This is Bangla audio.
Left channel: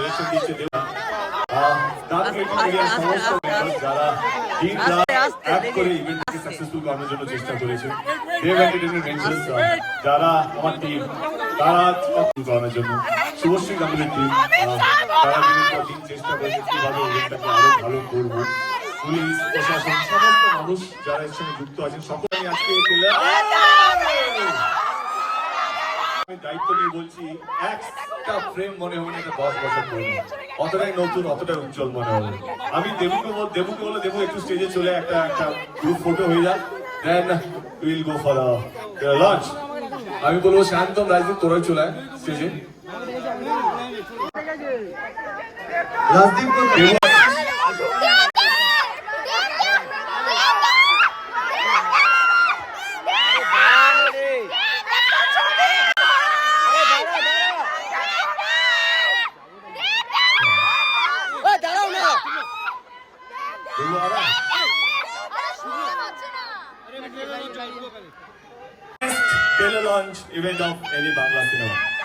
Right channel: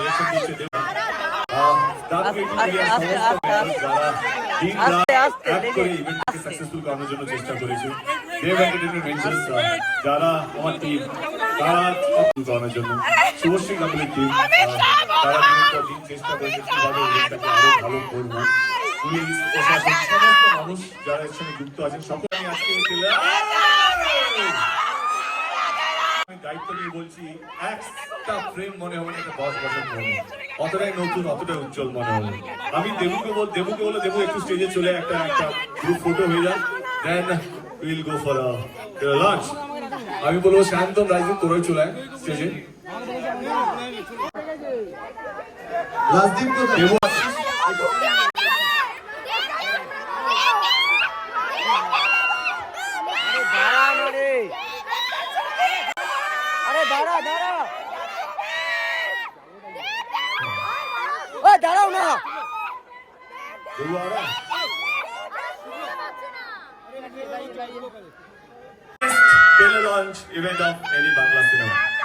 ডিরেকশন দিচ্ছে দেব। সাকসেসফুল করানোর জন্য চেষ্টা করেছে দেব এন্টারটেইনমেন্ট ভেঞ্চার্স যারা আমার টিম তারা করানোর জন্য শুভশ্রী কাপুরের টিম চেষ্টা করেছে কিভাবে ইভেন্টটাকে আরো ভালো করবো। পুলিশ প্রশাসন সমস্ত মানুষ যারা এর সঙ্গে যুক্ত আছেন সকলে আজকে আমি দায়িত্ব নিয়ে বলছি একটা ফ্রেম মনে হয় না 10 বছর পরে অতটাই নতুন অতটাই উজ্জ্বল মনে হবে। আমি দেবুকে বলে দেবু একটু স্টেজে চলে একটা গ্রুপ ফটো হয়ে যায় then will go for lunch. আমি বলবো শান্তম রাজদীপ তোরা চলে স্টেজে। Rajdeep launch event of any Bangla cinema.